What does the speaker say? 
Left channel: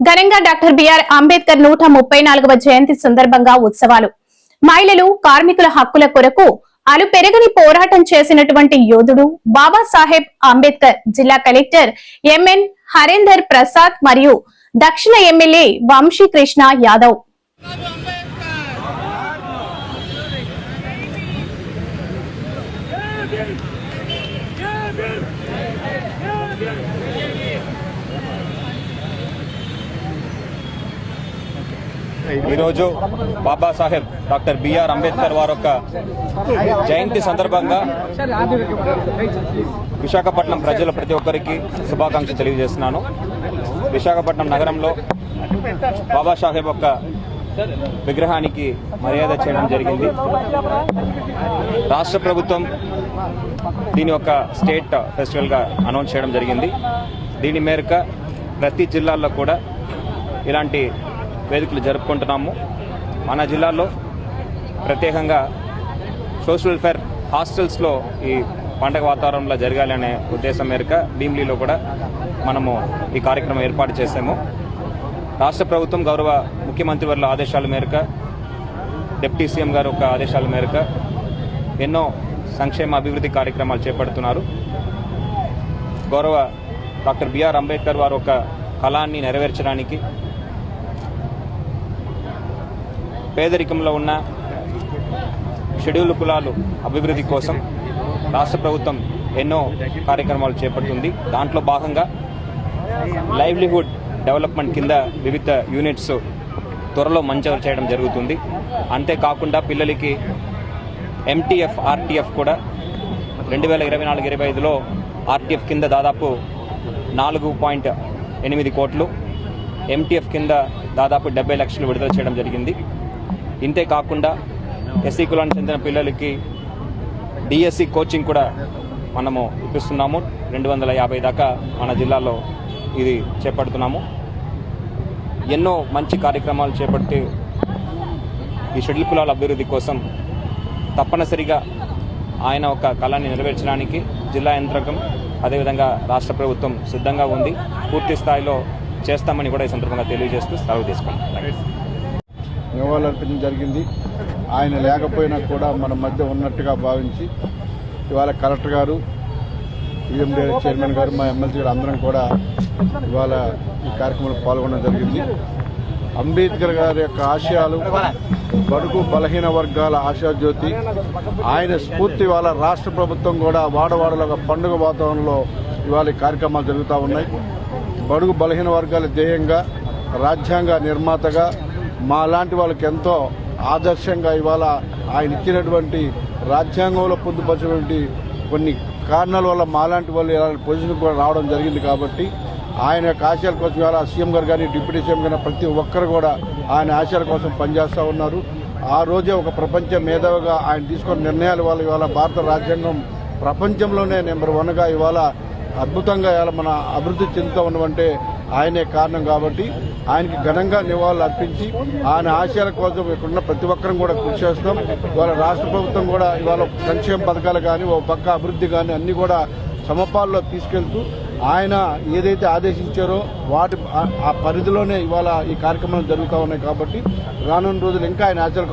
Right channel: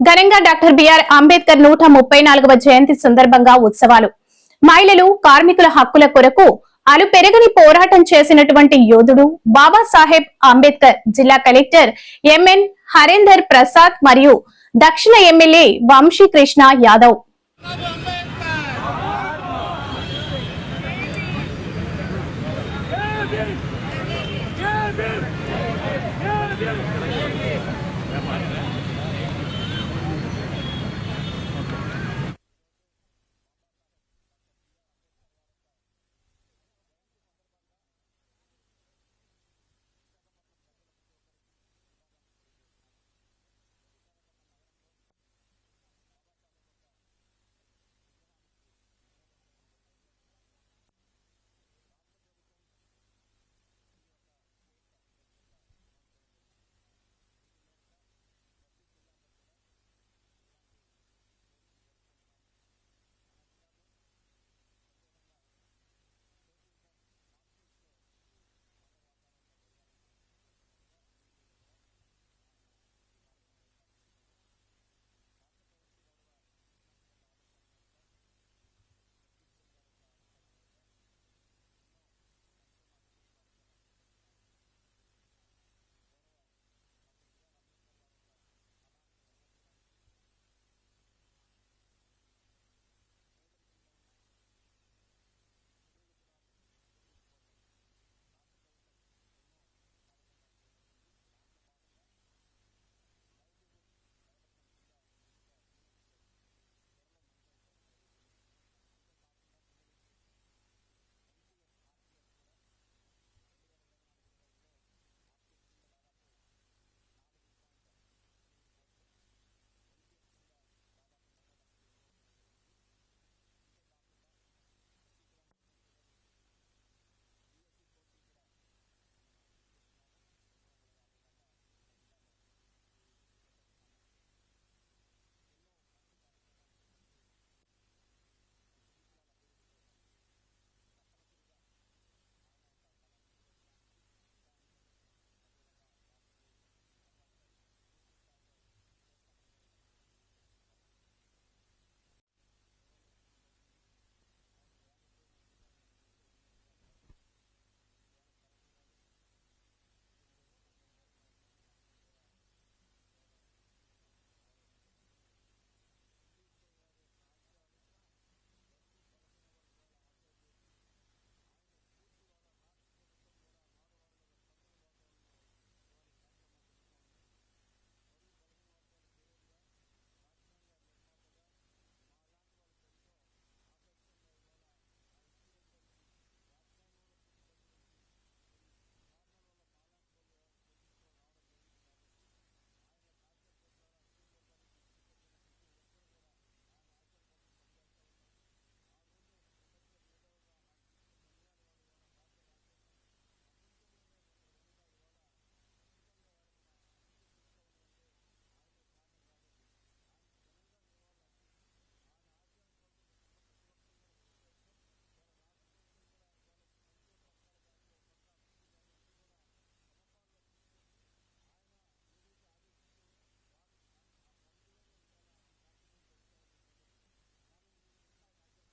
ఘనంగా doctor BR Ambedkar 134వ జయంతి సందర్భంగా ఉత్సవాలు. మహిళలు, కార్మికుల హక్కుల కొరకు అలుపెరగని పోరాటం చేసినటువంటి యోధుడు బాబాసాహెబ్ అంబేద్కర్ జిల్లా కలెక్టర్ ఎంఎన్ హరేందర్ ప్రసాద్ మరియు దక్షిణ ఎమ్మెల్యే వంశీకృష్ణ యాదవ్. ఈరోజు బాబాసాహెబ్ డాక్టర్ బిఆర్ అంబేద్కర్ వారి యొక్క జయంతి సందర్భంగా విశాఖపట్నం ప్రజల ప్రతి ఒక్కరికి శుభాకాంక్షలు తెలియజేస్తున్నాను. విశాఖపట్నం నగరంలో బాబాసాహెబ్ యొక్క విగ్రహానికి మర్యాద చేయడం జరిగింది. రాష్ట్ర ప్రభుత్వం దీని యొక్క స్టేట్ ఫెస్టివల్గా అనౌన్స్ చేయడం జరిగింది. దీని మేరకు ప్రతి జిల్లాల్లో కూడా ఇలాంటి వేదికలు జరుపుకుంటున్నాము. మన జిల్లాలో ప్రత్యేకంగా సోషల్ వెల్ఫేర్ హాస్టల్స్లో ఈ పండగ వాతావరణంలో జరగాలనే ఉద్దేశం మేరకు భీమిలీలో కూడా మనము ఈ కార్యక్రమం ఏర్పాటు చేశాము. రాష్ట్ర ప్రభుత్వం గౌరవ ముఖ్యమంత్రి వారి ఆదేశాల మేరకు, డిప్యూటీ సీఎం గారు ఒక ఆదేశాల మేరకు ఎన్నో సంక్షేమ అభివృద్ధి కార్యక్రమాలు చేపడుతున్నారు. గౌరవ డాక్టర్ బిఆర్ అంబేద్కర్ వారు ఒక కళాన్ని నెరవేర్చడానికి, పేదరికంలో ఉన్న షెడ్యూల్ కులాలు అభివృద్ధి కోసం రాష్ట్ర ప్రభుత్వం ఎన్నో కార్యక్రమాలు చేపడుతుంది. దాంట్లో భాగంగా లైవ్లీహుడ్ డెవలప్మెంట్ కింద వివిధ యూనిట్స్ త్వరలో మంజూరు చేయడం జరుగుతుంది. అంతేకాకుండా పిల్లలకి ఎంటీఎఫ్, ఆర్టీఎఫ్ కూడా 2024-25లో ఆర్టీఎఫ్ కింద దాదాపు 4.8 కోట్లు, ఎంటీఎఫ్ కింద దాదాపు 70 లక్షలు విడుదల చేయడం జరిగింది. ఇంతే కాకుండా ఎస్సీ కులానికి చెందిన పిల్లలకి డిఎస్సి కోచింగ్ కూడా మనము ఇప్పిస్తున్నాము. 250 దాకా మన జిల్లాలో ఇది చేపడుతున్నాము. ఎన్నో మంచి కార్యక్రమాలు చేపట్టి ఈ షెడ్యూల్ కులాల అభివృద్ధి కోసం తప్పనిసరిగా ఆయన ఒక కళని నెరవేర్చడానికి జిల్లా యంత్రాంగం అదేవిధంగా రాష్ట్ర ప్రభుత్వం సిద్ధంగా ఉంది. పూర్తి స్థాయిలో చేస్తామని కూడా ఈ సందర్భంగా తెలియజేస్తూ సెలవు తీసుకున్నాం. నివాళులర్పించడం జరిగింది. ఆయన లేకపోయినా కూడా మన మధ్య ఉన్నట్టుగా భావించి ఇవాళ కలెక్టర్ గారు, యూఎండీ చైర్మన్ గారు, మా ఎమ్మెల్సీ గారు అందరం కూడా ఇవాళ ఈ కార్యక్రమంలో పాల్గొనడం జరిగింది. అంబేద్కర్ గారి యొక్క ఆశయాలు, బడుగు బలహీన వర్గాల ఆశాజ్యోతి, ఆయన స్ఫూర్తి ఇవాళ రాష్ట్ర ప్రభుత్వం కూడా వాడవాడలో ఒక పండుగ వాతావరణంలో ఇవాళ ఈ కార్యక్రమాలు జరుగుతూ ఉన్నాయి. బడుగు బలహీన వర్గాల ధ్యేయంగా, రాజ్యాంగ నిర్మాతగా మా లాంటి వాళ్ళకి ఎంతో ఆదర్శంగా ఇవాళ ఆయన ఇచ్చినటువంటి రాజ్యాంగంలో పొందుపరిచినటువంటి కొన్ని కారణాల వల్ల మాలాంటి వాళ్ళు ఇలాంటి పొజిషన్ కూడా రావడం జరిగింది. కాబట్టి ఆయన యొక్క ఆశయాల కోసం ఇవాళ సీఎం గారు కానీ, డిప్యూటీ సీఎం కానీ ప్రతి ఒక్కరు కూడా ఆయన ఆశయాల కోసం పనిచేస్తూ ఉన్నారు. ఆ రోజే ఒక ప్రపంచ మేధావిగా ఆయన తీసుకున్న నిర్ణయాల వల్ల ఇవాళ భారత రాజ్యాంగం ప్రపంచంలోనే నెంబర్ 1గా ఇవాళ అద్భుతంగా ఇవాళ మన అభివృద్ధి చెందుతూ ఉన్నామంటే ఆయనే కారణం. కాబట్టి ఆయనకి ఘనంగా నివాళులు అర్పించి ఆయన ఆశయాల కోసం ఇక్కడున్న ప్రతి ఒక్కరం కూడా కృషి చేస్తాం. ఇవాళ రాష్ట్ర ప్రభుత్వం కూడా ఇవాళ సంక్షేమ పథకాలు కానీ, ఒక పక్క అభివృద్ధి కానీ అన్నీ కూడా సమపాల్లో తీసుకెళ్తూ ఆయన ఏదైతే ఆదేశించారో వాటి ఆ పరిధిలోనే ఇవాళ ఈ కార్యక్రమాలు జరుగుతూ ఉన్నాయి. కాబట్టి రానున్న రోజులు ఇంకా ఆయన ఆశయాలు